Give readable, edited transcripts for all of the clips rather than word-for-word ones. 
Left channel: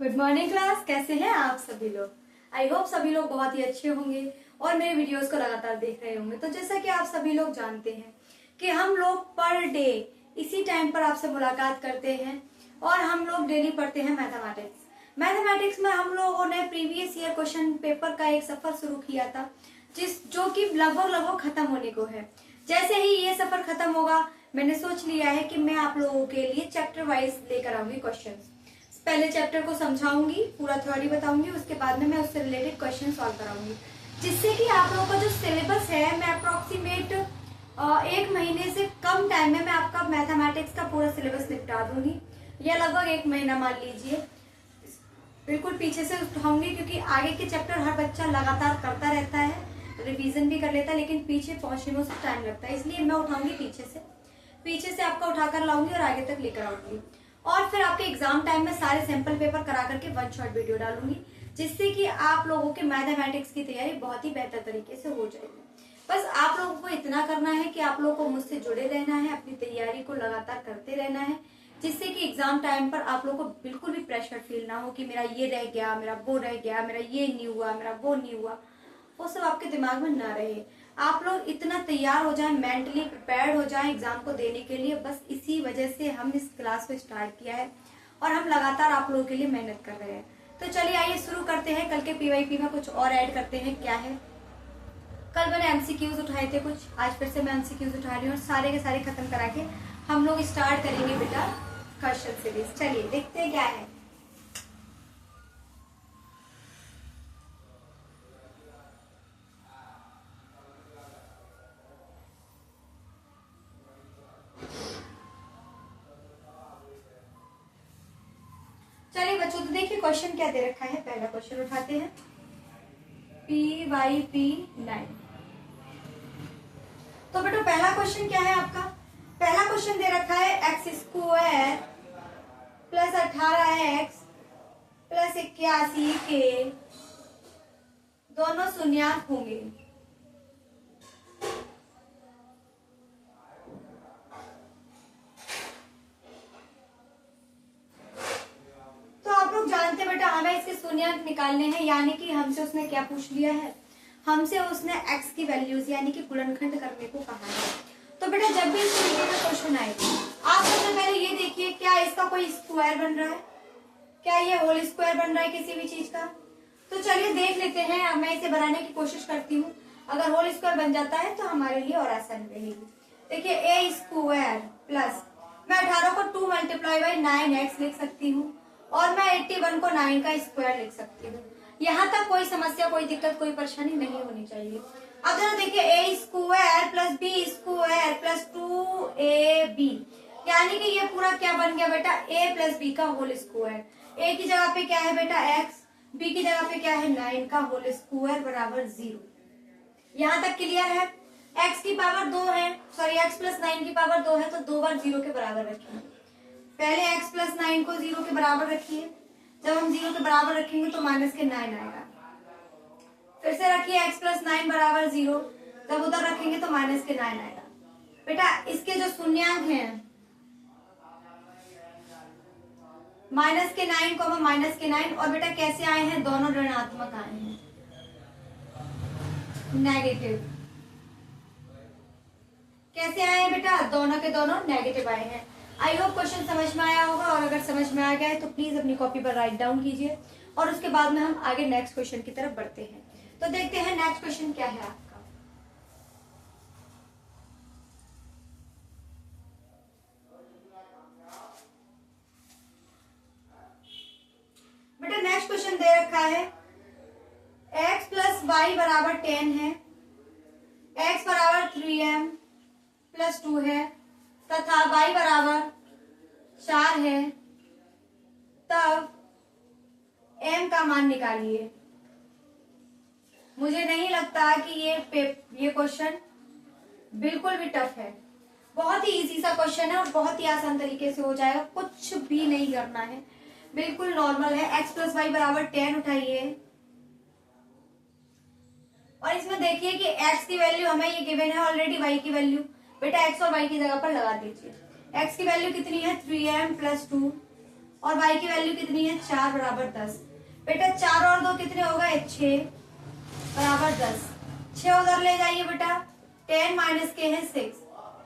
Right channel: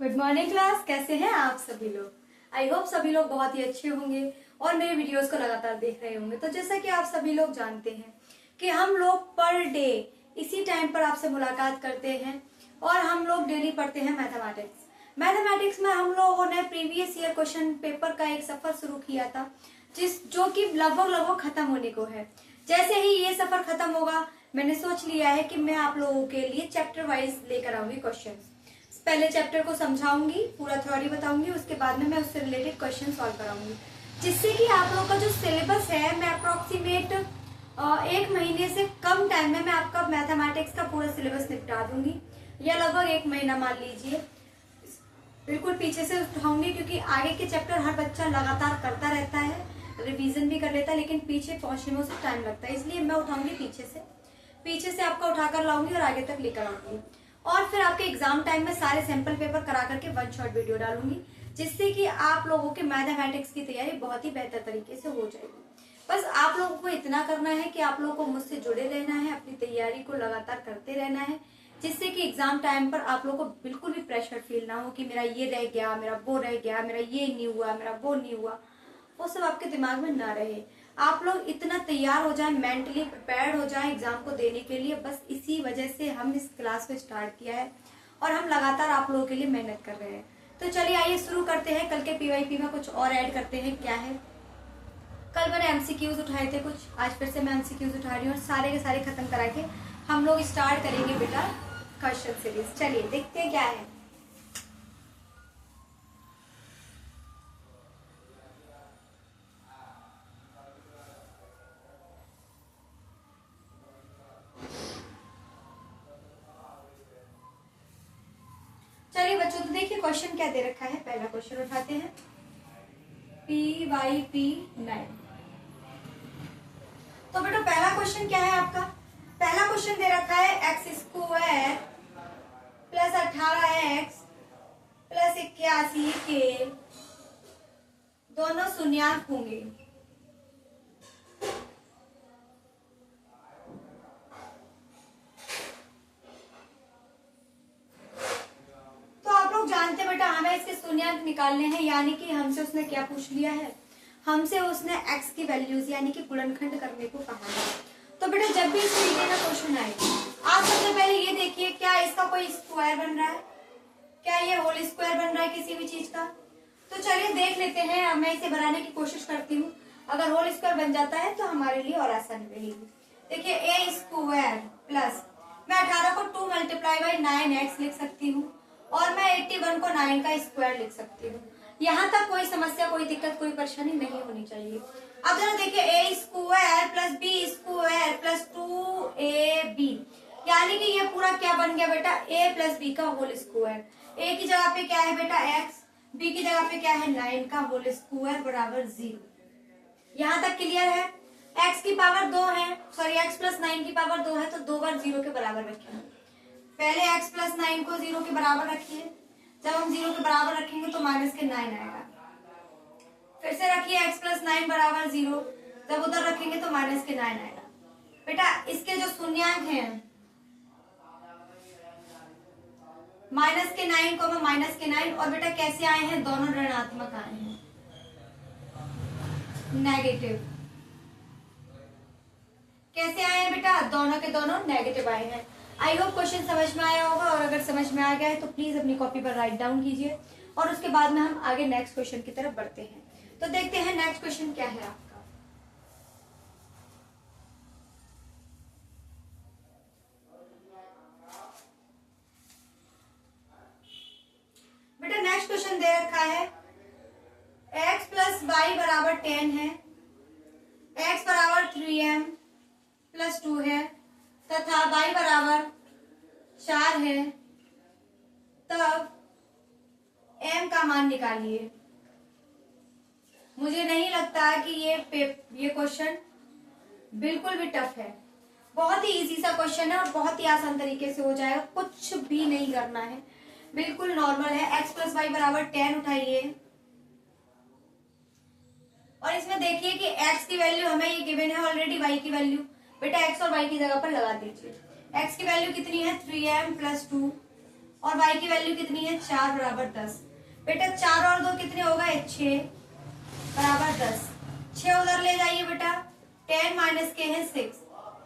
Good morning class. कैसे हैं आप सभी लोग? आई होप सभी लोग बहुत ही अच्छे होंगे और मेरे वीडियोस को लगातार देख रहे होंगे। तो जैसा कि आप सभी लोग जानते हैं कि हम लोग पर डे इसी टाइम पर आपसे मुलाकात करते हैं और हम लोग डेली पढ़ते हैं मैथमेटिक्स में हम लोगों ने प्रीवियस ईयर क्वेश्चन पेपर का एक सफर शुरू किया था जो कि लगभग खत्म होने को है। जैसे ही ये सफर खत्म होगा मैंने सोच लिया है कि मैं आप लोगों के लिए चैप्टर वाइज लेकर आऊंगी क्वेश्चंस। पहले चैप्टर को समझाऊंगी, पूरा थ्योरी बताऊंगी, उसके बाद में मैं उससे रिलेटेड क्वेश्चन सॉल्व कराऊंगी, जिससे कि आप लोगों का जो सिलेबस है मैं अप्रोक्सीमेट 1 महीने से कम टाइम में मैं आपका मैथमेटिक्स का पूरा सिलेबस निपटा दूंगी, या लगभग 1 महीना मान लीजिए। बिल्कुल पीछे से उठाऊंगी क्योंकि आगे के चैप्टर हर बच्चा लगातार करता रहता है, रिवीजन भी कर लेता है, लेकिन पीछे पहुंचने में उसको टाइम लगता है, इसलिए मैं उठाऊंगी पीछे से आपका उठाकर लाऊंगी और आगे तक लेकर आऊंगी। और फिर आपके एग्जाम टाइम में सारे सैंपल पेपर करा करके 1 शॉर्ट वीडियो डालूंगी, जिससे कि आप लोगों के मैथमेटिक्स की तैयारी बहुत ही बेहतर तरीके से हो जाएगी। बस आप लोगों को इतना करना है कि आप लोगों को मुझसे जुड़े रहना है, अपनी तैयारी को लगातार करते रहना है, जिससे कि एग्जाम टाइम पर आप लोगों को बिल्कुल भी प्रेशर फील ना हो कि मेरा ये रह गया, मेरा वो रह गया, मेरा ये नहीं हुआ, मेरा वो नहीं हुआ। वो सब आपके दिमाग में ना रहे। आप लोग इतना तैयार हो जाएं, मेंटली प्रिपेयर्ड हो जाएं एग्जाम को देने के लिए। बस इसी वजह से हम इस क्लास को स्टार्ट किया है और हम लगातार आप लोगों के लिए मेहनत कर रहे हैं। तो चलिए आइए शुरू करते हैं। कल के पीवाईपी में कुछ और ऐड करते हैं। क्या है, कल मैंने एमसीक्यूज उठाए थे कुछ, आज फिर से मैं एमसीक्यूज उठा रही हूँ और सारे के सारे खत्म करा के हम लोग स्टार्ट करेंगे बेटा क्वेश्चन सीरीज। चलिए देखते हैं क्या है। चलिए बच्चों, तो देखिए क्वेश्चन क्या दे रखा है। पहला क्वेश्चन उठाते हैं, PYP 9। तो बेटा पहला क्वेश्चन क्या है आपका? पहला क्वेश्चन दे रखा है x² प्लस 18x प्लस 81 के दोनों शून्यांक होंगे। तो आप लोग जानते हैं बेटा हमें इसके शून्यांक निकालने हैं, यानी कि हमसे उसने क्या पूछ लिया है, हमसे उसने x की वैल्यूज यानी कि गुणनखंड करने को कहा है। तो बेटा जब भी इस तरीके का क्वेश्चन आए आप सबसे पहले ये देखिए, क्या इसका कोई स्क्वायर बन रहा है, क्या ये होल स्क्वायर बन रहा है किसी भी चीज का। तो चलिए देख लेते हैं। अब मैं इसे बनाने की कोशिश करती हूँ। अगर होल स्क्वायर बन जाता है तो हमारे लिए और आसान रहेगी। देखिए a² प्लस, मैं 18 को 2 मल्टीप्लाई बाई 9x लिख सकती हूँ और मैं 81 को 9 का स्क्वायर लिख सकती हूँ। यहाँ तक कोई समस्या, कोई दिक्कत, कोई परेशानी नहीं होनी चाहिए। अब जरा देखिए a² plus b² plus 2ab, यानी कि ये पूरा क्या बन गया बेटा, a प्लस b का होल स्क्वायर। a की जगह पे क्या है बेटा x, b की जगह पे क्या है 9 का होल स्क्वायर बराबर 0। यहाँ तक क्लियर है? x की पावर 2 है, सॉरी x प्लस 9 की पावर 2 है, तो 2 बार 0 के बराबर रखिए। पहले x प्लस 9 को 0 के बराबर रखिए। जब हम 0 के बराबर रखेंगे तो माइनस के 9 आएगा। फिर से रखिए x प्लस 9 बराबर 0, जब उधर रखेंगे तो माइनस के 9 आएगा। बेटा इसके जो शून्यांक हैं माइनस के 9 को माइनस के 9, और बेटा कैसे आए हैं, दोनों ऋणात्मक आए हैं, नेगेटिव। कैसे आए हैं बेटा, दोनों के दोनों नेगेटिव आए हैं। आई होप क्वेश्चन समझ में आया होगा, और अगर समझ में आ गया है तो प्लीज अपनी कॉपी पर राइट डाउन कीजिए और उसके बाद में हम आगे नेक्स्ट क्वेश्चन की तरफ बढ़ते हैं। तो देखते हैं नेक्स्ट क्वेश्चन क्या है आपका। बेटा नेक्स्ट क्वेश्चन दे रखा है x प्लस वाई बराबर 10 है, x बराबर 3m प्लस 2 है तथा y बराबर 4 है, तब m का मान निकालिए। मुझे नहीं लगता कि ये क्वेश्चन बिल्कुल भी टफ है, बहुत ही इजी सा क्वेश्चन है और बहुत ही आसान तरीके से हो जाएगा। कुछ भी नहीं करना है, बिल्कुल नॉर्मल है। x प्लस वाई बराबर 10 उठाइए और इसमें देखिए कि x की वैल्यू हमें ये गिवन है ऑलरेडी, y की वैल्यू बेटा x और y की जगह पर लगा दीजिए। x की वैल्यू कितनी है 3m प्लस 2 और y की वैल्यू कितनी है 4 बराबर 10। बेटा 4 और 2 कितने हो गए 6 बराबर 10। 6 उधर ले जाइए बेटा, 10 माइनस के है 6,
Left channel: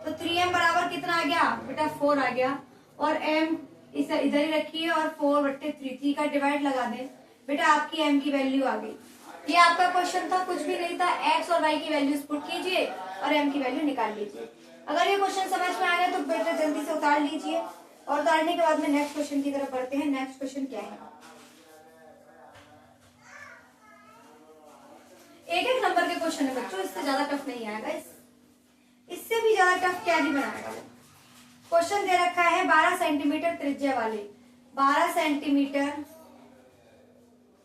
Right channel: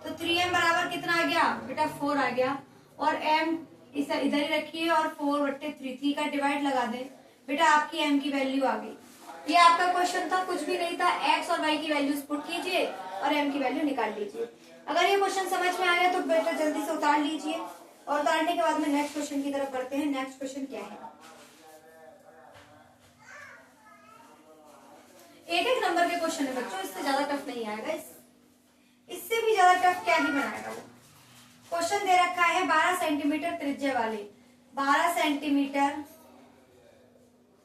तो 3m बराबर कितना आ गया बेटा 4 आ गया। और m इसे इधर ही रखिए और 4/3 3 का डिवाइड लगा दे बेटा, आपकी m की वैल्यू आ गई। ये आपका क्वेश्चन था, कुछ भी नहीं था। x और y की वैल्यूज पुट कीजिए और m की वैल्यू निकाल लीजिए। अगर ये क्वेश्चन समझ में आ गया तो बेटा जल्दी से उतार लीजिए, और उतारने के बाद में नेक्स्ट क्वेश्चन की तरफ बढ़ते हैं। नेक्स्ट क्वेश्चन क्या है, एक एक नंबर के क्वेश्चन है बच्चों, इससे ज्यादा टफ नहीं आएगा। इससे भी ज्यादा टफ क्या ही बनाएगा वो। क्वेश्चन दे रखा है 12 सेंटीमीटर त्रिज्या वाले, 12 सेंटीमीटर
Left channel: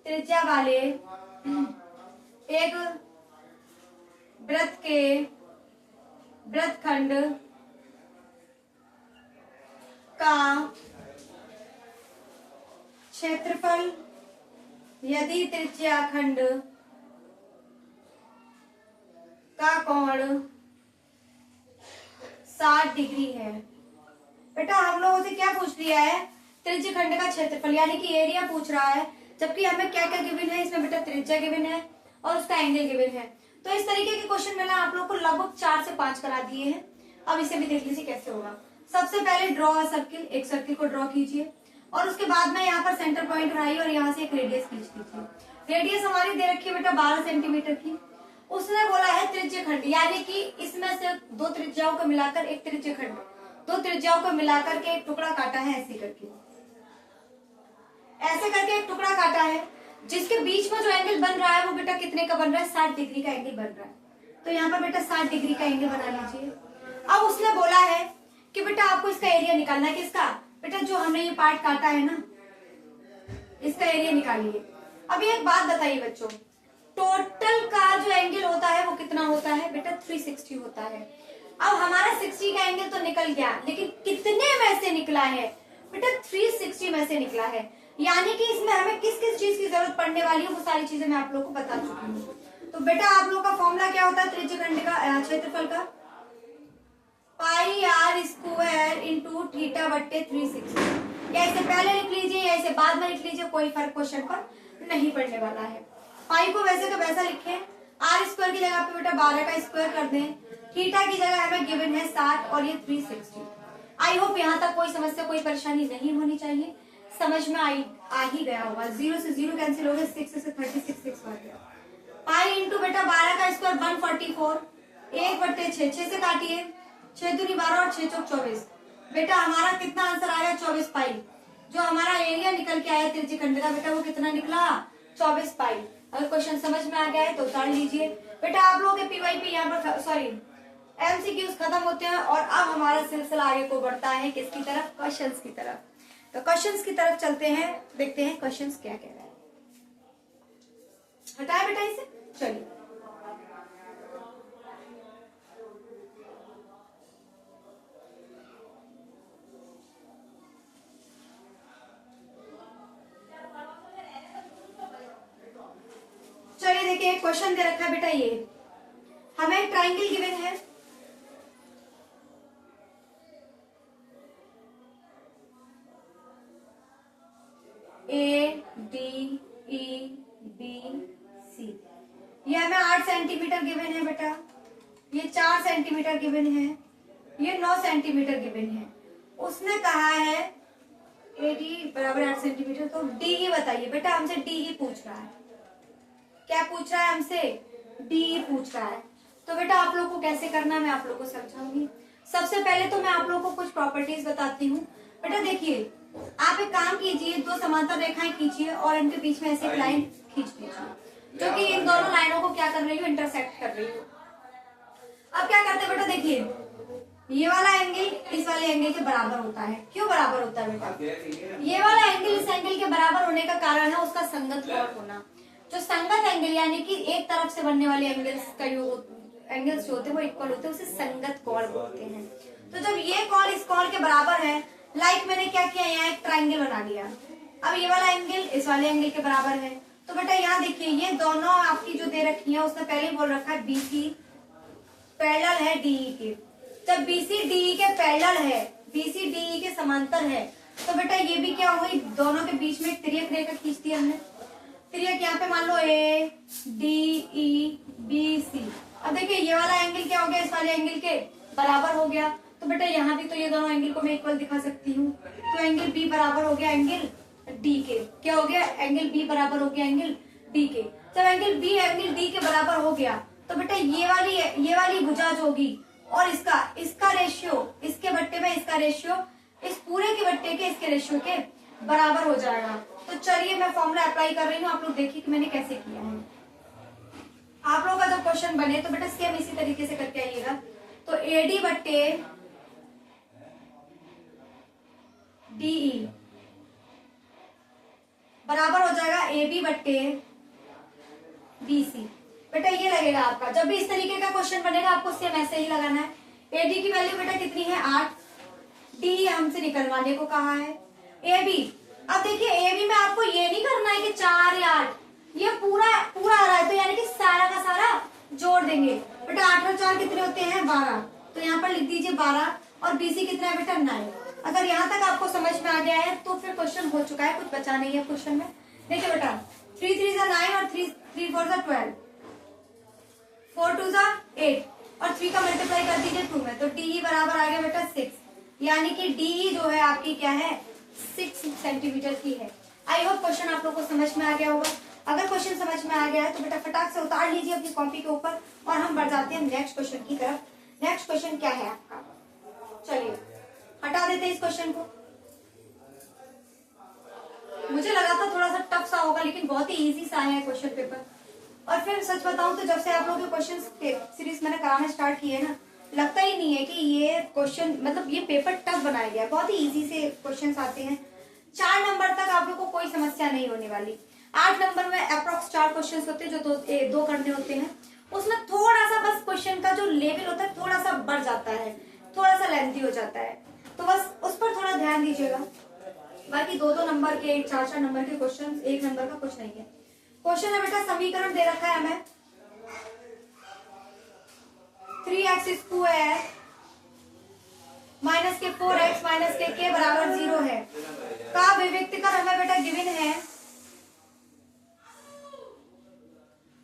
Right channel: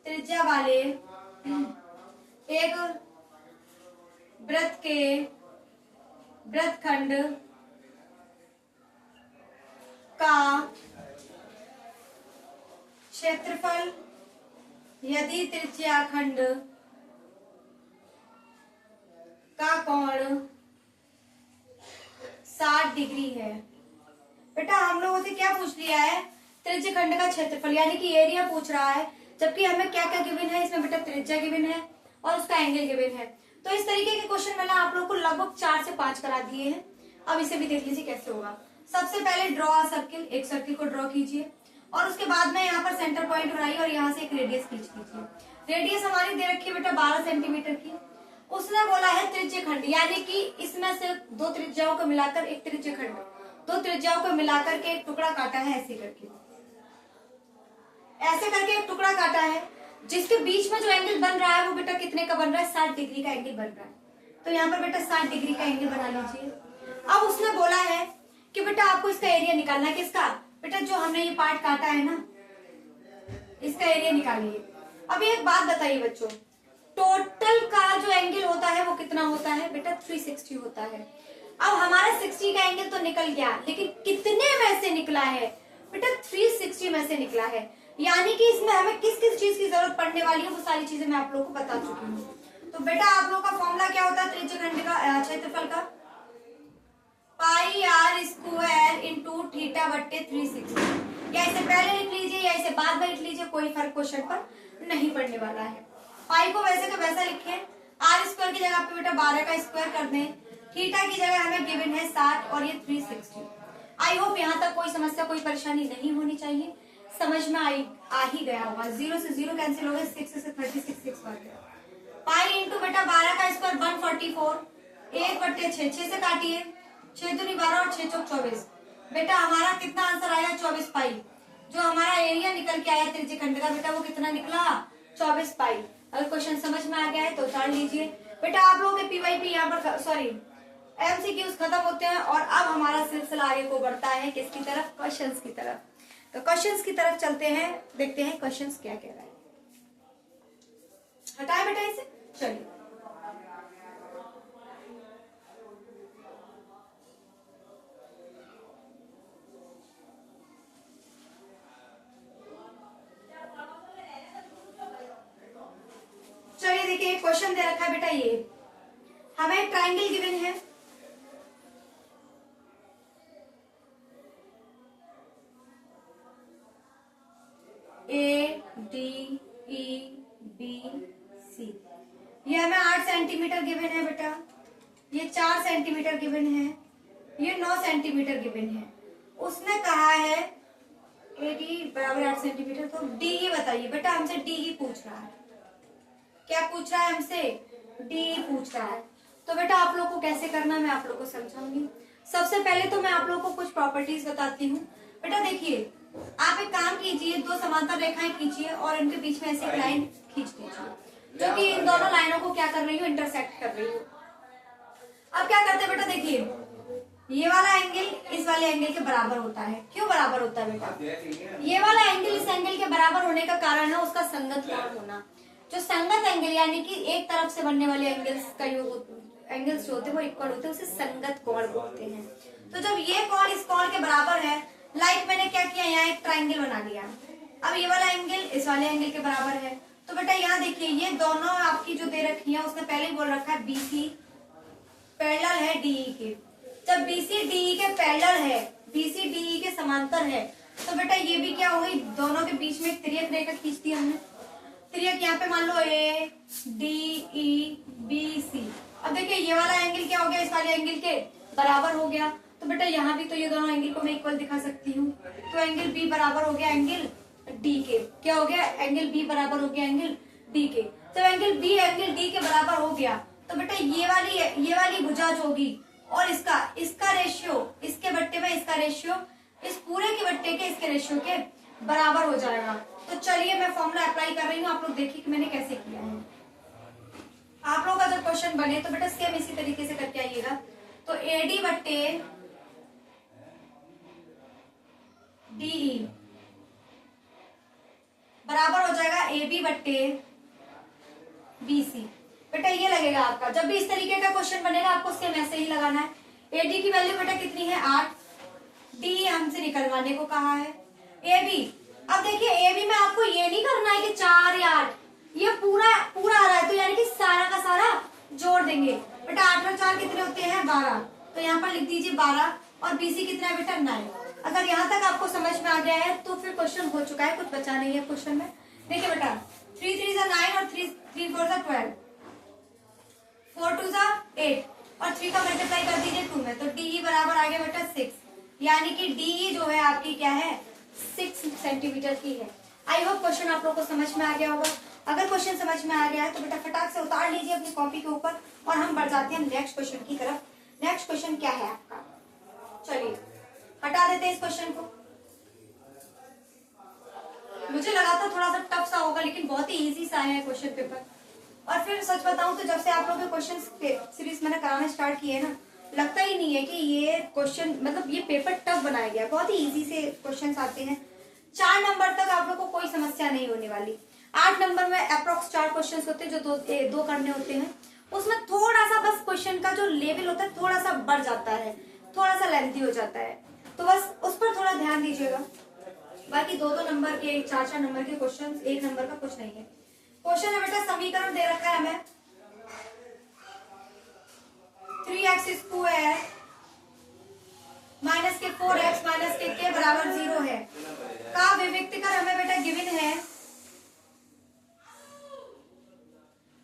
त्रिज्या वाले एक वृत्त के वृत्तखंड का क्षेत्रफल यदि त्रिज्याखंड का कोण 60 डिग्री है। बेटा हम लोगों से क्या पूछ लिया है, त्रिज्यखंड का क्षेत्रफल यानी कि एरिया पूछ रहा है, जबकि हमें क्या क्या गिवन है इसमें बेटा, त्रिज्या गिवन है और उसका एंगल गिवन है। तो इस तरीके के क्वेश्चन मैंने आप लोगों को लगभग 4 से 5 करा दिए हैं। अब इसे भी देख लीजिए कैसे होगा। सबसे पहले ड्रॉ अ सर्किल, एक सर्किल को ड्रॉ कीजिए और उसके बाद में यहाँ पर सेंटर पॉइंट बनाइए और यहाँ से एक रेडियस खींच लीजिए। रेडियस हमारी दे रखी है बेटा 12 सेंटीमीटर की। उसने बोला है त्रिज्यखंड, यानी कि इसमें से दो त्रिज्याओं को मिलाकर एक त्रिज्यखंड, दो त्रिज्याओं को मिलाकर के एक टुकड़ा काटा है, ऐसे करके एक टुकड़ा काटा है, जिसके बीच में जो एंगल बन रहा है वो बेटा कितने का बन रहा है 60 डिग्री का एंगल बन रहा है। तो यहाँ पर बेटा 60 डिग्री का एंगल बना लीजिए। अब उसने बोला है कि बेटा आपको इसका एरिया निकालना है, किसका बेटा, जो हमने ये पार्ट काटा है ना, इसका एरिया निकालिए। अब एक बात बताइए बच्चों, टोटल का जो एंगल होता है वो कितना होता है बेटा 360 होता है। अब हमारा 60 का एंगल तो निकल गया, लेकिन कितने में से निकला है बेटा 360 में से निकला है। यानी कि इसमें हमें किस किस चीज की जरूरत पड़ने वाली है वो सारी चीजें मैं आप लोगों को बता चुकी हूँ। तो बेटा आप लोगों का फॉर्मूला क्या होता है त्रिज्यखंड का क्षेत्रफल का, पाई आर स्क्वायर इंटू थीटा बट्टे 360। या इसे पहले लिख लीजिए या इसे बाद में लिख लीजिए, कोई फर्क क्वेश्चन पर नहीं पड़ने वाला है। पाई को वैसे का वैसा लिखे, आर स्क्वायर की जगह पे बेटा 12 का स्क्वायर कर दें, थीटा की जगह हमें गिवन है 60 और ये 360। आई होप यहाँ तक कोई समस्या कोई परेशानी नहीं होनी चाहिए, समझ में आ ही गया होगा। 0 से 0 कैंसिल हो गया, 6 से 36 6 बन गया। पाई इंटू बेटा 12 का स्क्वायर 144, 1/6, 6 से काटिए, 6 दूनी 12 और 6 चौक 24। बेटा हमारा कितना आंसर आया 24 पाई। जो हमारा एरिया निकल के आया त्रिज्यखंड का बेटा वो कितना निकला 24 पाई। अगर क्वेश्चन समझ में आ गया है तो उतार लीजिए। बेटा आप लोगों के पीवाईपी यहाँ पर सॉरी एमसीक्यूज खत्म होते हैं और अब हमारा सिलसिला आगे को बढ़ता है किसकी तरफ, क्वेश्चंस की तरफ। तो क्वेश्चंस की तरफ चलते हैं, देखते हैं क्वेश्चंस क्या कह रहा है। हटाए बेटा इसे, चलिए देखिए क्वेश्चन दे रखा है बेटा, ये हमें ट्राइंगल गिवन है, A D E B C. ये हमें 8 सेंटीमीटर गिवन है बेटा, ये 4 सेंटीमीटर गिवन है, ये 9 सेंटीमीटर गिवन है। उसने कहा है ए डी बराबर 8 सेंटीमीटर, तो डी ही बताइए बेटा, हमसे डी ही पूछ रहा है। क्या पूछ रहा है हमसे, डी पूछ रहा है। तो बेटा आप लोग को कैसे करना मैं आप लोग को समझाऊंगी। सबसे पहले तो मैं आप लोग को कुछ प्रॉपर्टीज बताती हूँ। बेटा देखिए आप एक काम कीजिए, दो समांतर रेखाएं खींचिए और इनके बीच में ऐसे एक लाइन खींच लीजिए जो कि इन दोनों लाइनों को क्या कर रही हो, इंटरसेक्ट कर रही हो। अब क्या करते हैं बेटा, देखिए ये वाला एंगल इस वाले एंगल के बराबर होता है। क्यों बराबर होता है बेटा, ये वाला एंगल इस एंगल के बराबर होने का कारण है उसका संगत कोण होना। जो संगत एंगल यानी कि एक तरफ से बनने वाले एंगल्स का योग, एंगल्स जो होते हैं वो इक्वल होते हैं, उसे संगत कोण बोलते हैं। तो जब ये कोण इस कोण के बराबर है, लाइक मैंने क्या किया, यहाँ एक ट्राइंगल बना लिया। अब ये वाला एंगल इस वाले एंगल के बराबर है, तो बेटा यहाँ देखिए ये दोनों आपकी जो दे रखी है उसने पहले ही बोल रखा है बीसी पैरेलल है डीई के। जब बीसी डीई के पैरेलल है, बीसी डीई के समांतर है, तो बेटा ये भी क्या हो गई, दोनों के बीच में एक तिर्यक रेखा खींच दी हमने। तिर्यक यहाँ पे मान लो A D E B C. अब देखिए ये वाला एंगल क्या हो गया, इस वाले एंगल के बराबर हो गया। तो बेटा यहाँ भी तो ये दोनों एंगल को मैं इक्वल दिखा सकती हूँ। तो एंगल बी बराबर हो गया एंगल डी के। क्या हो गया, एंगल बी बराबर हो गया एंगल डी के। जब एंगल बी एंगल डी के बराबर हो गया तो बेटा ये वाली भुजा जो होगी और इसका रेशियो, इसके बट्टे में इसका रेशियो इस पूरे के बट्टे के इसके रेशियो के बराबर हो जाएगा। तो चलिए मैं फॉर्मूला अप्लाई कर रही हूँ, आप लोग देखिए कि मैंने कैसे किया है। आप लोगों का जब क्वेश्चन बने तो बेटा सेम इसी तरीके से करके आइएगा। तो एडी बट्टे डीई बराबर हो जाएगा ए बी बट्टे बी सी। बेटा ये लगेगा आपका, जब भी इस तरीके का क्वेश्चन बनेगा आपको सेम ऐसे ही लगाना है। एडी की वैल्यू बेटा कितनी है 8, डी हमसे निकलवाने को कहा है। ए बी, अब देखिए ए बी में आपको ये नहीं करना है कि 4 या 8, ये पूरा आ रहा है तो यानी कि सारा का सारा जोड़ देंगे। बेटा 8 और 4 कितने होते हैं 12, तो यहाँ पर लिख दीजिए 12 और बीसी कितना है बेटा 9। अगर यहाँ तक आपको समझ में आ गया है तो फिर क्वेश्चन हो चुका है, कुछ बचा नहीं है क्वेश्चन में। देखिए बेटा 3 3 9 और 3 4 12, 4 2 8 और 3 का मल्टीप्लाई कर दीजिए 2 में, तो डी बराबर आ गया बेटा 6, यानी कि डी जो है आपकी क्या है 6 सेंटीमीटर की है। आई होप क्वेश्चन आप लोग को समझ में आ गया होगा। अगर क्वेश्चन समझ में आ गया है तो बेटा फटाक से उतार लीजिए अपनी कॉपी के ऊपर और हम बढ़ जाते हैं नेक्स्ट क्वेश्चन की तरफ। नेक्स्ट क्वेश्चन क्या है आपका, चलिए हटा देते हैं इस क्वेश्चन को। मुझे लगा था थोड़ा सा टफ सा होगा लेकिन बहुत ही इजी सा है क्वेश्चन पेपर। और फिर सच बताऊं तो जब से आप लोगों के क्वेश्चन सीरीज मैंने कराना स्टार्ट किए ना, लगता ही नहीं है कि ये क्वेश्चन मतलब ये पेपर टफ बनाया गया। बहुत ही इजी से क्वेश्चन आते हैं। 4 नंबर तक आप लोग को कोई समस्या नहीं होने वाली। 8 नंबर में अप्रोक्स 4 क्वेश्चन होते हैं जो दो करने होते हैं। उसमें थोड़ा सा बस क्वेश्चन का जो लेवल होता है थोड़ा सा बढ़ जाता है, थोड़ा सा लेंथी हो जाता है, तो बस उस पर थोड़ा ध्यान दीजिएगा। बाकी 2-2 नंबर के 4-4 नंबर के क्वेश्चन, 1 नंबर का कुछ नहीं है। क्वेश्चन है बेटा समीकरण दे रखा है हमें 3x स्क्वायर माइनस के 4x माइनस के बराबर 0 है का विविक्तिकर हमें बेटा गिवन है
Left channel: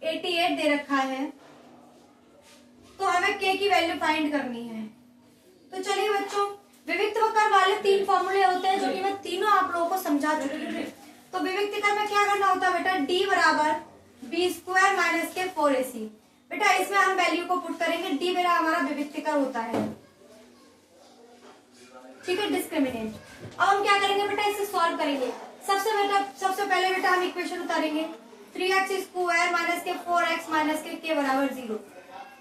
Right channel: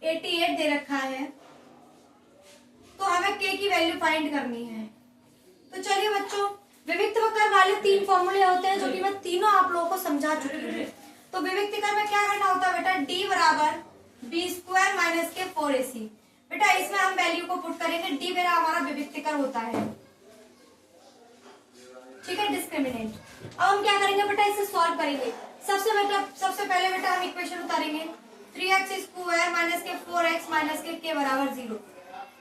88 दे रखा है। तो हमें k की वैल्यू फाइंड करनी है। तो चलिए बच्चों, विविक्तकर वाले 3 फॉर्मूले होते हैं जो कि मैं तीनों आप लोगों को समझा चुकी हूँ। तो विविक्तकर में क्या करना होता है बेटा, d बराबर बी स्क्वायर माइनस के 4ac। बेटा इसमें हम वैल्यू को पुट करेंगे, d मेरा हमारा विविक्तकर होता है, ठीक है, डिस्क्रिमिनेंट। अब हम क्या करेंगे बेटा, इसे सॉल्व करेंगे। सबसे पहले बेटा हम इक्वेशन उतारेंगे 3x स्क्वायर माइनस के 4x माइनस के बराबर 0।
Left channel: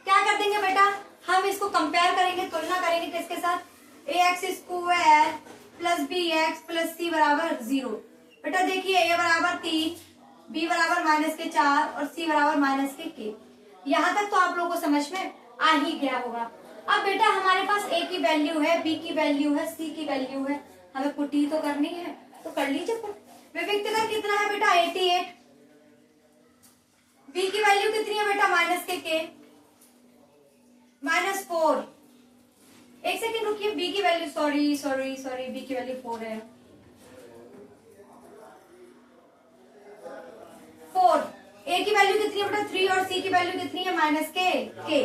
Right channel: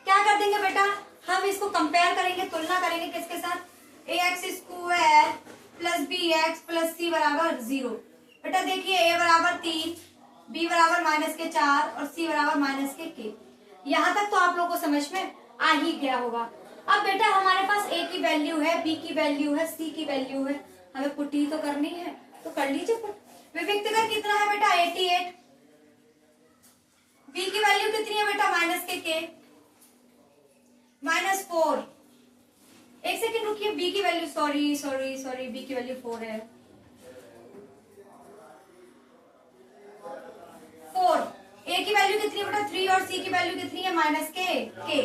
क्या कर देंगे बेटा, हम इसको कंपेयर करेंगे, तुलना करेंगे किसके साथ, ax square plus bx plus c बराबर 0। बेटा देखिए a बराबर 3, b बराबर माइनस के 4 और c बराबर माइनस के k। यहाँ तक तो आप लोगों को समझ में आ ही गया होगा। अब बेटा हमारे पास a की वैल्यू है, b की वैल्यू है, c की वैल्यू है, हमें पुट ही तो करनी है, तो कर लीजिए पुट। विविक्तकर कितना है बेटा 88, b की वैल्यू कितनी है बेटा माइनस के k माइनस 4। एक सेकेंड रुकिए, b की वैल्यू सॉरी b की वैल्यू 4 है, 4। a की वैल्यू कितनी है बेटा 3 और c की वैल्यू कितनी है माइनस के k।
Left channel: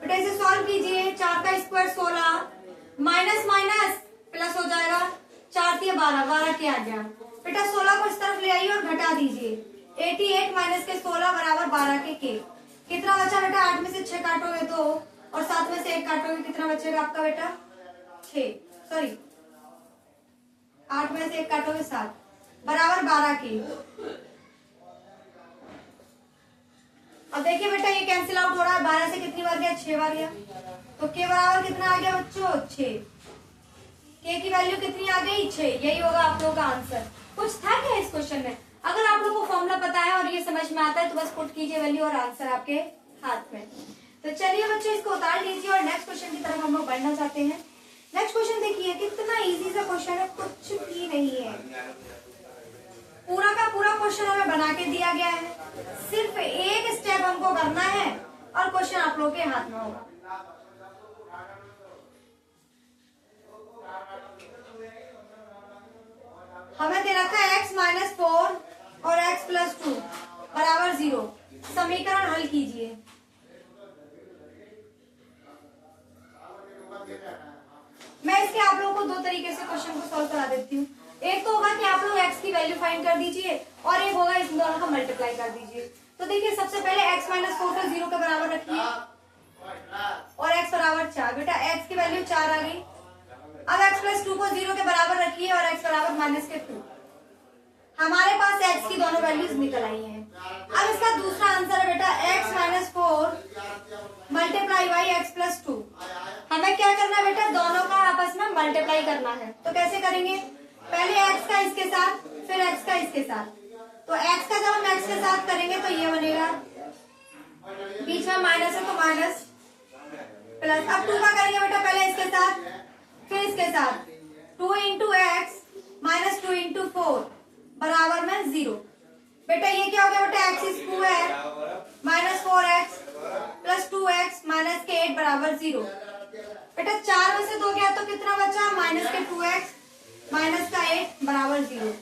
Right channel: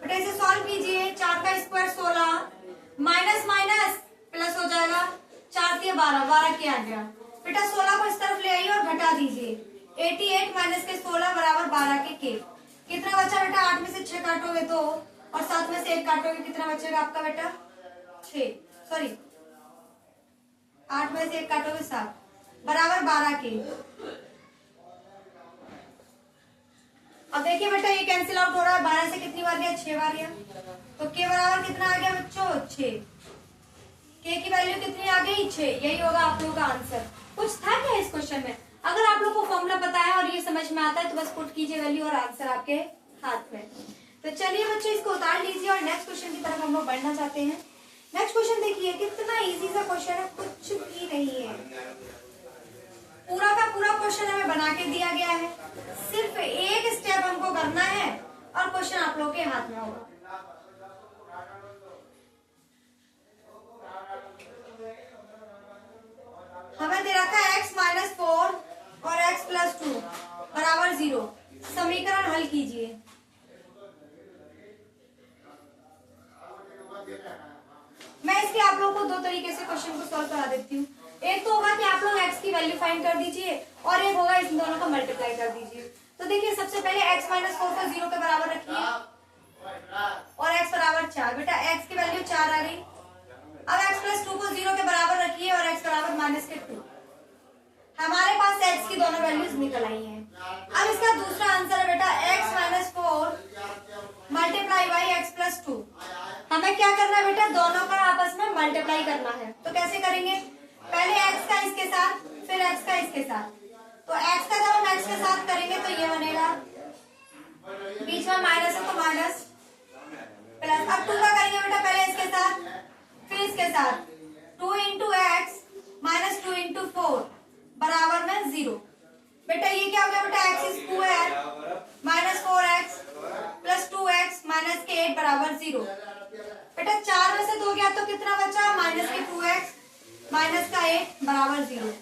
बेटा इसे सॉल्व कीजिए, 4 का स्क्वायर 16 माइनस माइनस प्लस हो जाएगा, 4 3 12, 12 के आ गया। बेटा 16 को इस तरफ ले आइए और घटा दीजिए, 88 माइनस के 16 बराबर 12 के k। कितना बचा बेटा, 8 में से 6 काटोगे 2 और 7 में से 1 काटोगे, कितना बचेगा आपका बेटा 6, 8 में से 1 काटोगे 7 बराबर 12 के। अब देखिए बेटा ये कैंसिल आउट हो रहा है, 12 से कितनी बार गया 6 बार गया, तो k बराबर कितना आ गया बच्चों 6। k की वैल्यू कितनी आ गई 6, यही होगा आप लोगों का आंसर। कुछ था क्या इस क्वेश्चन में? अगर आप लोगों को फॉर्मूला पता है और ये समझ में आता है तो बस पुट कीजिए वैल्यू और आंसर आपके हाथ में। तो चलिए बच्चों इसको उतार लीजिए और नेक्स्ट क्वेश्चन की तरफ हम लोग बढ़ना चाहते हैं। नेक्स्ट क्वेश्चन देखिए कितना इजी सा क्वेश्चन है, कुछ भी नहीं है, पूरा का पूरा क्वेश्चन हमें बना के दिया गया है, सिर्फ एक स्टेप हमको करना है और क्वेश्चन आप लोगों के हाथ में होगा। हमें दे रखा है x माइनस 4 और x प्लस 2 बराबर 0। समीकरण हल कीजिए। मैं इसके आप लोगों को दो तरीके से क्वेश्चन को सॉल्व करा देती हूँ। एक तो होगा कि आप लोग x की वैल्यू फाइंड कर दीजिए और एक होगा इन दोनों का मल्टीप्लाई कर दीजिए। तो देखिए सबसे पहले x माइनस 4 को 0 के बराबर रखिए और x बराबर 4। बेटा x की वैल्यू 4 आ गई। अब x प्लस 2 को 0 के बराबर रखिए और x बराबर माइनस के 2। हमारे पास x की दोनों वैल्यूज निकल आई हैं। अब इसका दूसरा आंसर है बेटा x minus 4 multiply by x plus 2। हमें क्या करना है बेटा, दोनों का आपस में मल्टीप्लाई करना है। तो कैसे करेंगे, पहले x का इसके साथ फिर x का इसके साथ। तो x का जब हम x के साथ करेंगे तो ये बनेगा, बीच में माइनस है तो माइनस प्लस। अब 2 का करेंगे बेटा, पहले इसके साथ फिर इसके साथ। 2 इंटू एक्स माइनस 2 इंटू 4 बराबर में 0। बेटा ये क्या हो गया बेटा, x square minus 4x plus 2x minus के 8 बराबर 0। बेटा 4 में से 2 गया तो कितना बचा, माइनस के 2x माइनस का 8 बराबर 0।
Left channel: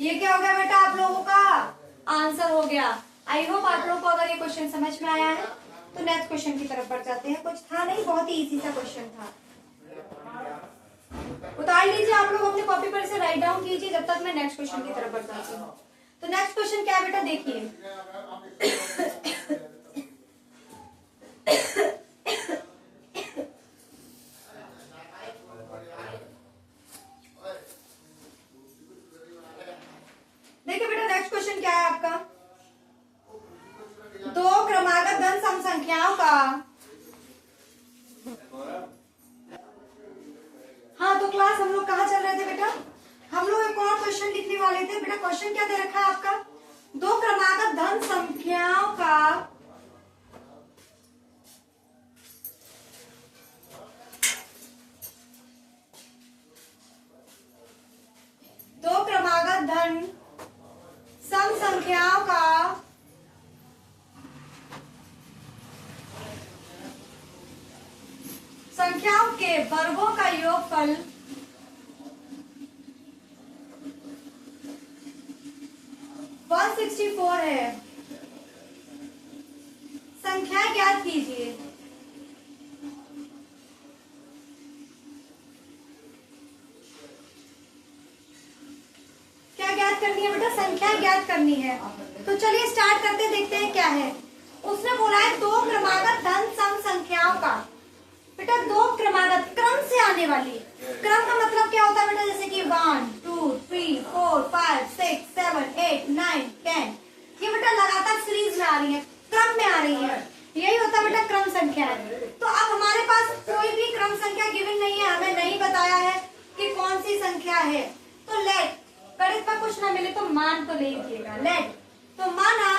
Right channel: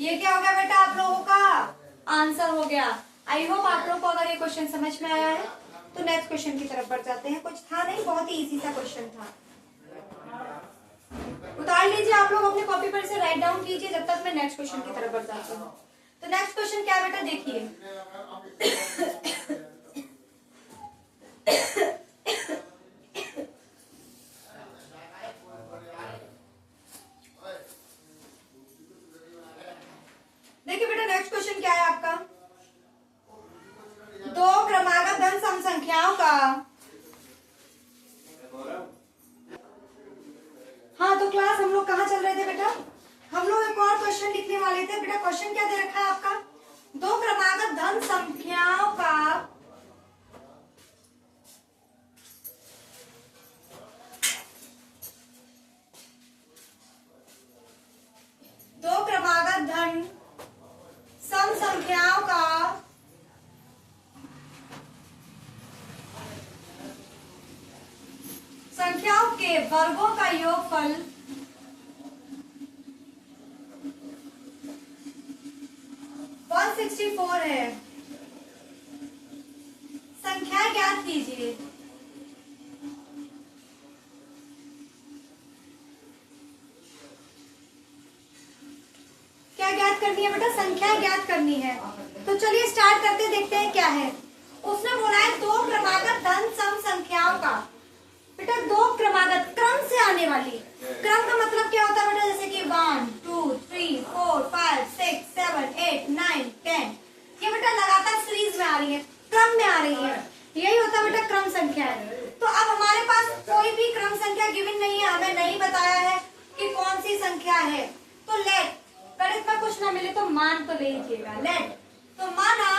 ये क्या हो गया बेटा, आप लोगों का आंसर हो गया। आई होप आप लोगों को अगर ये क्वेश्चन समझ में आया है तो नेक्स्ट क्वेश्चन की तरफ बढ़ जाते हैं। कुछ था नहीं, बहुत ही इजी सा क्वेश्चन था। उतार लीजिए आप लोग अपने कॉपी पर, इसे राइट डाउन कीजिए जब तक मैं नेक्स्ट क्वेश्चन की तरफ बढ़ जाती हूँ। तो नेक्स्ट क्वेश्चन क्या बेटा, देखिए देखिए बेटा नेक्स्ट क्वेश्चन क्या है आपका, दो क्रमागत धन सम संख्याओं का। हाँ तो क्लास हम लोग कहाँ चल रहे थे बेटा, हम लोग एक और क्वेश्चन लिखने वाले थे। बेटा क्वेश्चन क्या दे रखा है आपका, दो क्रमागत धन संख्याओं का दो क्रमागत धन सम संख्याओं का संख्याओं के वर्गों का योगफल वन 164 है। संख्या ज्ञात कीजिए। क्या ज्ञात करनी है बेटा, संख्या ज्ञात करनी है। तो चलिए स्टार्ट करते, देखते हैं क्या है। उसने बोला है दो क्रमागत धन सम संख्याओं का। बेटा दो क्रमागत, क्रम से आने वाली। क्रम का मतलब क्या होता है बेटा, जैसे कि 1 2 3 4 5 6 7 8 9 10, ये बेटा लगातार सीरीज में आ रही है, क्रम में आ रही है, यही होता है बेटा क्रम संख्या है। तो अब हमारे पास कोई भी क्रम संख्या गिवन नहीं है, हमें नहीं बताया है कि कौन सी संख्या है। तो लेट, गणित में कुछ ना मिले तो मान तो ले लीजिएगा। लेट, तो माना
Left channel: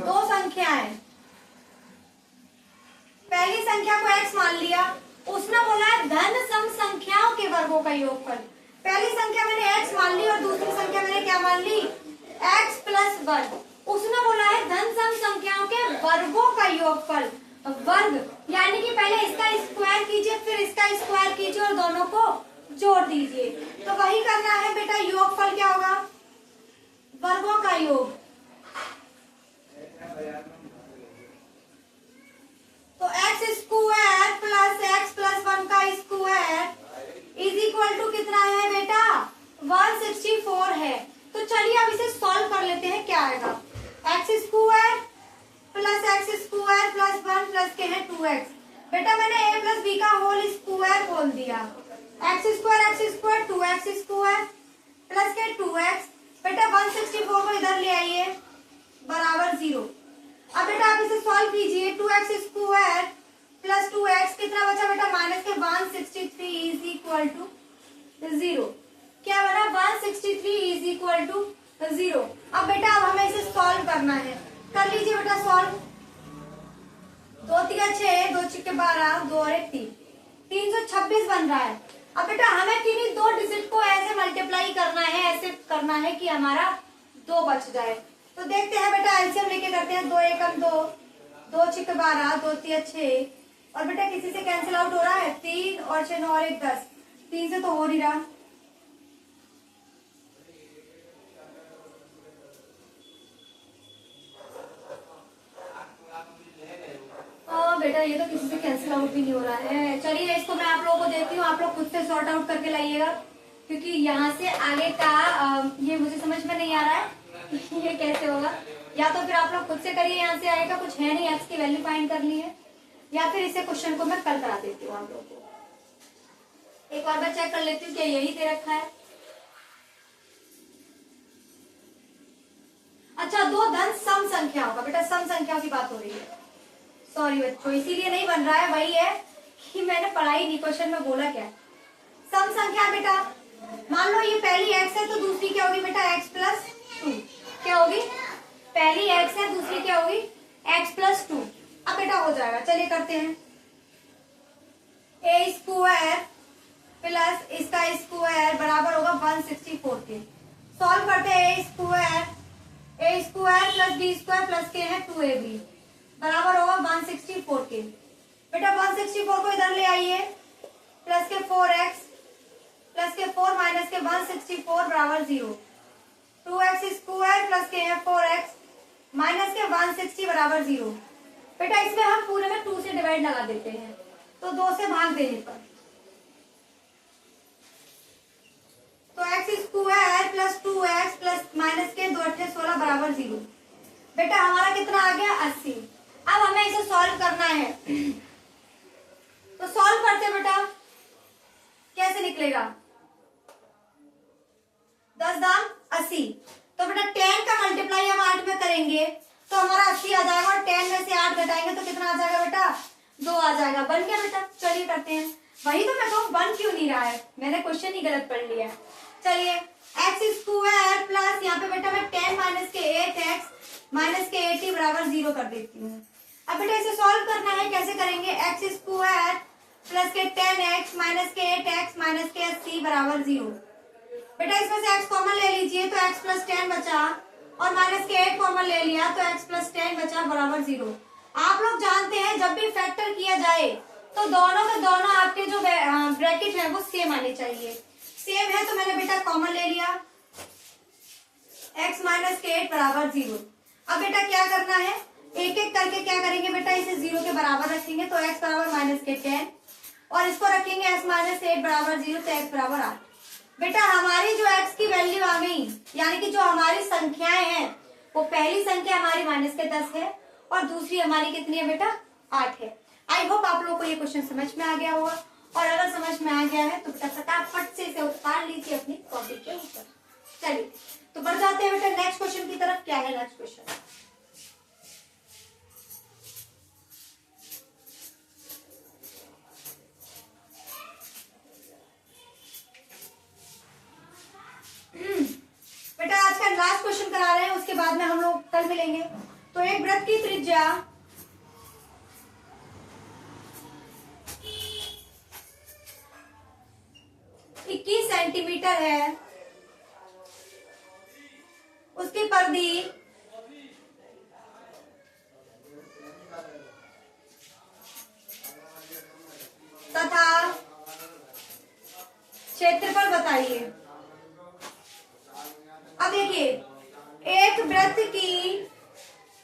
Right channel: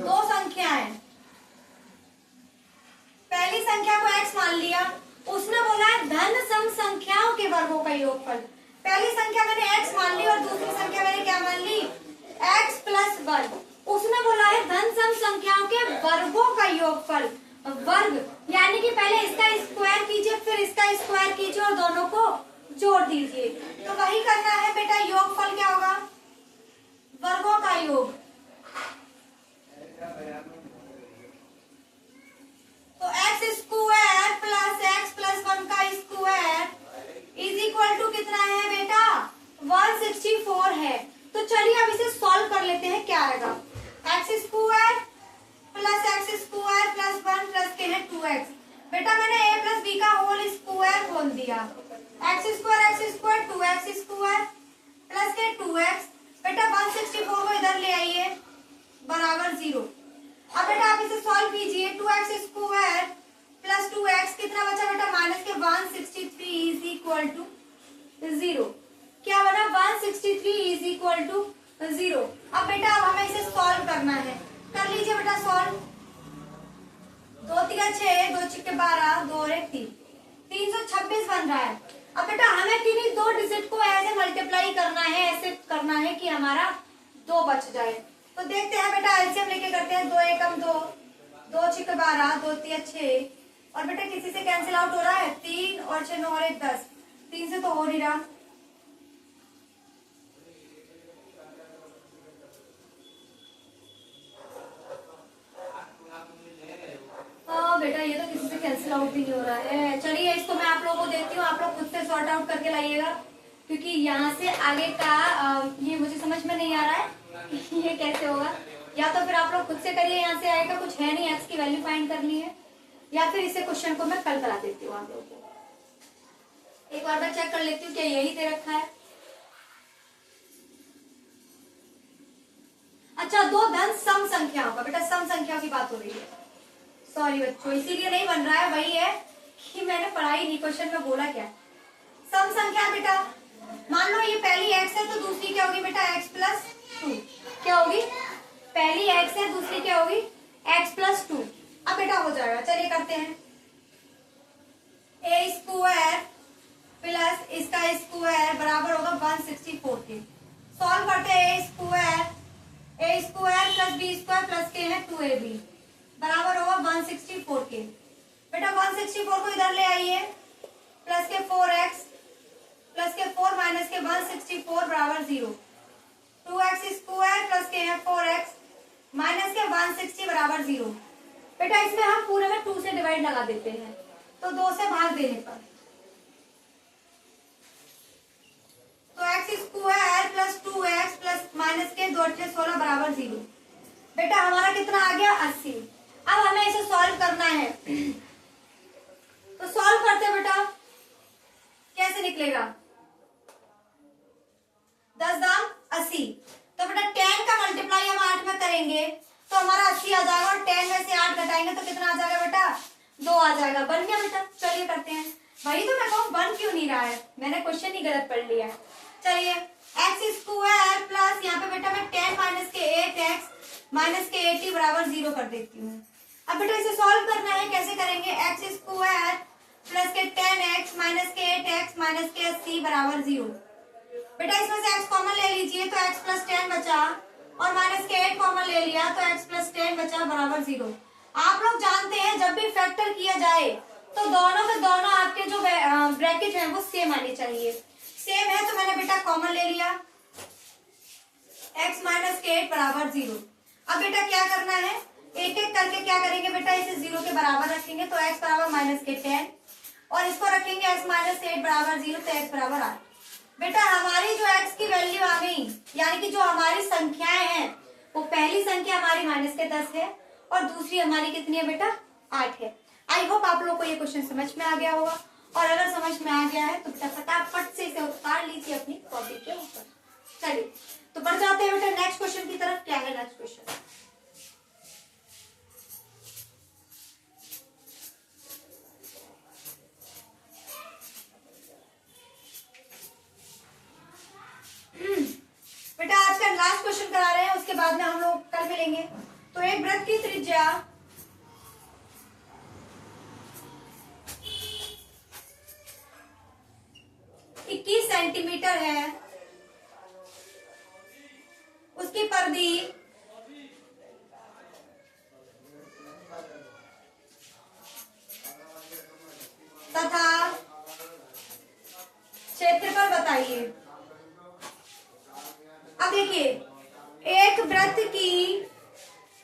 दो संख्याएं, पहली संख्या को x मान लिया, उसने बोला है धन सम संख्याओं के वर्गों का योगफल। पहली संख्या मैंने x मान ली और दूसरी संख्या मैंने क्या मान ली, x प्लस वर्ग। उसने बोला है धन सम संख्याओं के वर्गों का योगफल। वर्ग यानी कि पहले इसका स्क्वायर कीजिए फिर इसका स्क्वायर कीजिए और दोनों को जोड़ दीजिए। तो वही करना है बेटा, योगफल क्या होगा, वर्गों का योग। तो x square plus x plus 1 का स्क्वायर इज इक्वल टू कितना है बेटा, 164 है। तो चलिए अब इसे सॉल्व कर लेते हैं, क्या आएगा, x square plus x square plus 1 plus के है 2x। बेटा मैंने a प्लस b का होल स्क्वायर खोल दिया, x square 2x square plus के 2x। बेटा 164 को इधर ले आइए बराबर 0। अब बेटा आप इसे सॉल्व कीजिए, 2x स्क्वायर प्लस 2x कितना बचा बेटा, माइनस के 163 इज इक्वल टू 0। क्या बना, 163 इज इक्वल टू 0। अब बेटा अब हमें इसे सॉल्व करना है, कर लीजिए बेटा सॉल्व। 2 3 6 2 6 12 2 और 1 3, 326 बन रहा है। अब बेटा हमें किन्हीं दो डिजिट को ऐसे मल्टीप्लाई करना है, ऐसे करना है कि हमारा 2 बच जाए। तो देखते हैं बेटा, एलसीएम लेके करते हैं। 2 एकम 2, 2 6 12 2 3 6 और बेटा किसी से कैंसिल आउट हो रहा है, 3 और 6 9 और 1 10, 3 से तो हो नहीं रहा। कैंसिल आउट भी नहीं हो रहा है। चलिए इसको मैं आप लोगों को देती हूँ, आप लोग खुद से सॉर्ट आउट करके लाइएगा, क्योंकि यहाँ से आगे का ये मुझे समझ में नहीं आ रहा है ये कैसे होगा। या तो फिर आप लोग खुद से करिए, यहाँ से आएगा कुछ है नहीं, एक्स की वैल्यू फाइंड करनी है, या फिर इसे क्वेश्चन को मैं कल करा देती हूँ आप लोगों को। एक बार मैं चेक कर लेती हूँ क्या यही दे रखा है। अच्छा, दो धन सम संख्याओं का, बेटा सम संख्याओं की बात हो रही है, सॉरी बच्चों, इसीलिए नहीं बन रहा है, वही है कि मैंने पढ़ाई नहीं, क्वेश्चन में बोला क्या। सम संख्या बेटा, मान लो ये पहली x है तो दूसरी क्या होगी बेटा x+2, क्या होगी, पहली x है दूसरी क्या होगी x+2। अब बेटा हो जाएगा, चलिए करते हैं। a स्क्वायर प्लस इसका स्क्वायर बराबर होगा 164 के। सॉल्व करते हैं, a square plus b square plus के है 2ab बराबर होगा 164 के। बेटा 164 को इधर ले आइए, प्लस के 4x प्लस के 4 माइनस के 164 बराबर 0। 2x स्क्वायर प्लस के है 4x माइनस के 160 बराबर 0। बेटा इसमें हम पूरे में 2 से डिवाइड लगा देते हैं, तो 2 से भाग देने पर तो x square plus 2x plus minus के 2 × 16 बराबर 0। बेटा हमारा कितना आ गया 80। अब हमें इसे सॉल्व करना है, तो सॉल्व करते हैं बेटा, कैसे निकलेगा 10 दाम 80, तो बेटा 10 का मल्टीप्लाई हम 8 में करेंगे तो हमारा 80 आ जाएगा, और 10 में से 8 घटाएंगे तो कितना आ जाएगा बेटा 2 आ जाएगा। बन गया बेटा, चलिए करते हैं। वही तो मैं कहूँ बन क्यों नहीं रहा है, मैंने क्वेश्चन ही गलत पढ़ लिया। चलिए एक्स स्क्वायर प्लस यहाँ पे बेटा मैं 10 माइनस के 8x माइनस के 80 बराबर 0 कर देती हूँ। अब बेटा इसे सॉल्व करना है, कैसे करेंगे, एक्स स्क्वायर प्लस के 10x माइनस के 8x माइनस के 80 बराबर 0। बेटा इसमें से x कॉमन ले लीजिए तो x प्लस 10 बचा, और माइनस के 8 कॉमन ले लिया तो x प्लस 10 बचा बराबर 0। आप लोग जानते हैं जब भी फैक्टर किया जाए तो दोनों के दोनों आपके जो ब्रैकेट है वो सेम आने चाहिए। सेम है तो मैंने बेटा कॉमन ले लिया, x माइनस के 8 बराबर 0। अब बेटा क्या करना है, एक एक करके क्या करेंगे बेटा, इसे 0 के बराबर रखेंगे तो x बराबर माइनस के 10, और इसको रखेंगे x माइनस 8 बराबर 0 तो x बराबर 8। बेटा हमारी जो x की वैल्यू आ गई, यानी कि जो हमारी संख्याएं हैं वो पहली संख्या हमारी माइनस के 10 है और दूसरी हमारी कितनी है बेटा 8 है। आई होप आप लोग को ये क्वेश्चन समझ में आ गया होगा, और अगर समझ में आ गया है तो बेटा फटाफट से इसे उतार लीजिए अपनी कॉपी के ऊपर। चलिए तो बढ़ जाते हैं बेटा नेक्स्ट क्वेश्चन की तरफ। क्या है नेक्स्ट क्वेश्चन, बेटा आज का लास्ट क्वेश्चन करा रहे हैं, उसके बाद में हम लोग कल मिलेंगे। तो एक वृत्त की त्रिज्या 21 सेंटीमीटर है, उसकी परिधि तथा क्षेत्रफल बताइए। अब देखिए एक वृत्त की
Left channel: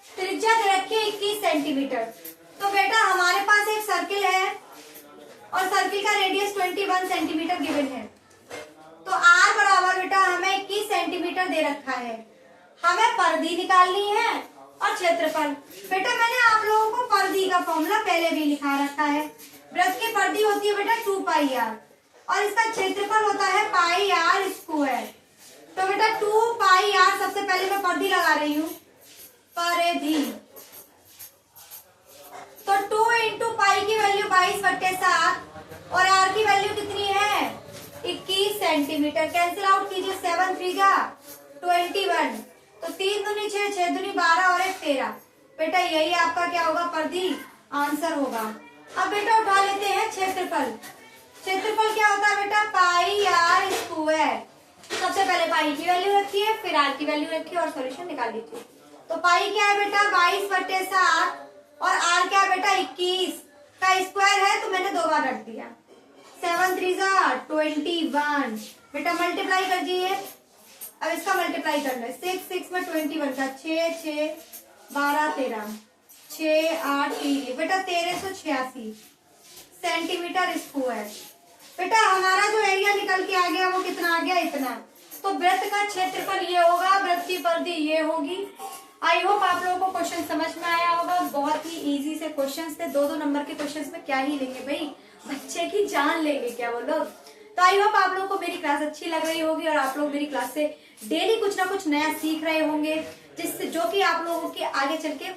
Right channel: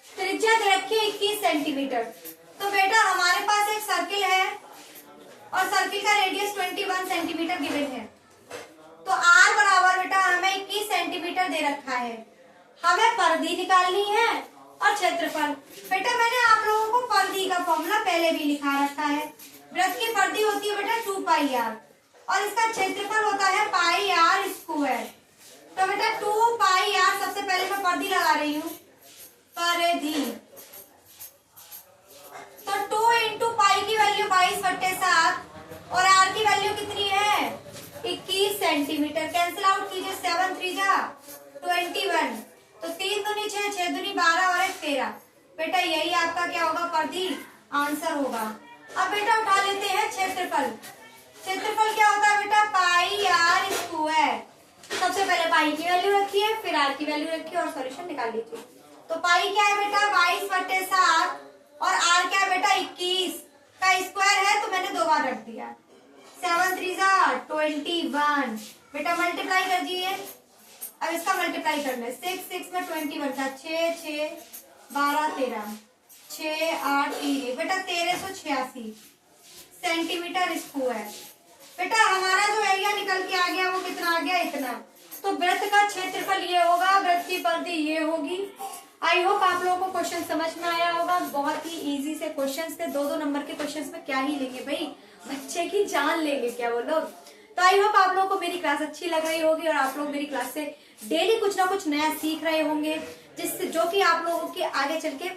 त्रिज्या दे रखी है 21 सेंटीमीटर, तो बेटा हमारे पास एक सर्किल है और सर्किल का रेडियस 21 सेंटीमीटर गिवन है, तो r बराबर बेटा हमें 21 सेंटीमीटर दे रखा है, हमें परिधि निकालनी है और क्षेत्रफल। बेटा मैंने आप लोगों को परिधि का फॉर्मूला पहले भी लिखा रखा है, वृत्त की परिधि होती है बेटा 2πr और इसका क्षेत्रफल होता है πr स्क्वायर। तो बेटा 2πr, सबसे पहले मैं परिधि लगा रही हूँ, परिधि, तो 2 इंटू पाई की वैल्यू 22/7 और r की वैल्यू कितनी है 21 सेंटीमीटर। कैंसिल आउट कीजिए, 7 3 जा 21, तो 3 दूनी 6, 6 दूनी 12 और 1 13। बेटा यही आपका क्या होगा परिधि आंसर होगा। अब बेटा उठा लेते हैं क्षेत्रफल। क्षेत्रफल क्या होता है बेटा πr स्क्वायर। सबसे पहले पाई की वैल्यू रखिए, फिर r की वैल्यू रखिए और सॉल्यूशन निकाल लीजिए। तो पाई क्या है बेटा 22/7 और r क्या है बेटा 21 का स्क्वायर है, तो मैंने 2 बार रख दिया। 7 3 जा 21। बेटा मल्टीप्लाई कर दिए, अब इसका मल्टीप्लाई करना है, 6 6 में 21 का 6 6 12 13 6 8 3, बेटा 1386 सेंटीमीटर स्क्वायर। बेटा हमारा जो एरिया निकल के आ गया वो कितना आ गया, इतना। तो वृत्त का क्षेत्रफल ये होगा, वृत्त की परिधि ये होगी। आई होप आप लोगों को क्वेश्चन समझ में आया होगा। बहुत ही इजी से क्वेश्चन थे, 2-2 नंबर के क्वेश्चन में क्या ही लेंगे भाई, बच्चे की जान लेंगे क्या वो लोग। तो आई होप आप लोगों को मेरी क्लास अच्छी लग रही होगी और आप लोग मेरी क्लास से डेली कुछ ना कुछ नया सीख रहे होंगे, जिससे जो कि आप लोगों के आगे चल के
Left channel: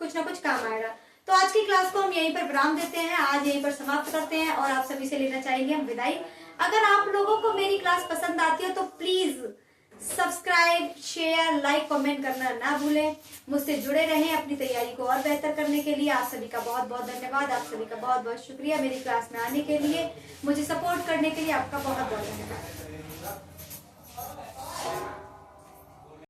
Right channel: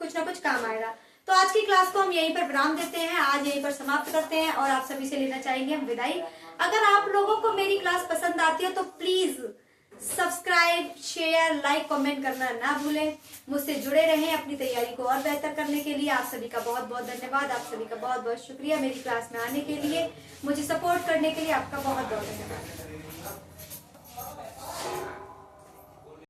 कुछ ना कुछ काम आएगा। तो आज की क्लास को हम यहीं पर विराम देते हैं, आज यहीं पर समाप्त करते हैं और आप सभी से लेना चाहेंगे हम विदाई। अगर आप लोगों को मेरी क्लास पसंद आती है तो please subscribe, share, like, comment करना ना भूलें। मुझसे जुड़े रहें अपनी तैयारी को और बेहतर करने के लिए। आप सभी का बहुत बहुत धन्यवाद, आप सभी का बहुत बहुत शुक्रिया मेरी क्लास में आने के लिए, मुझे सपोर्ट करने के लिए आपका बहुत बहुत धन्यवाद।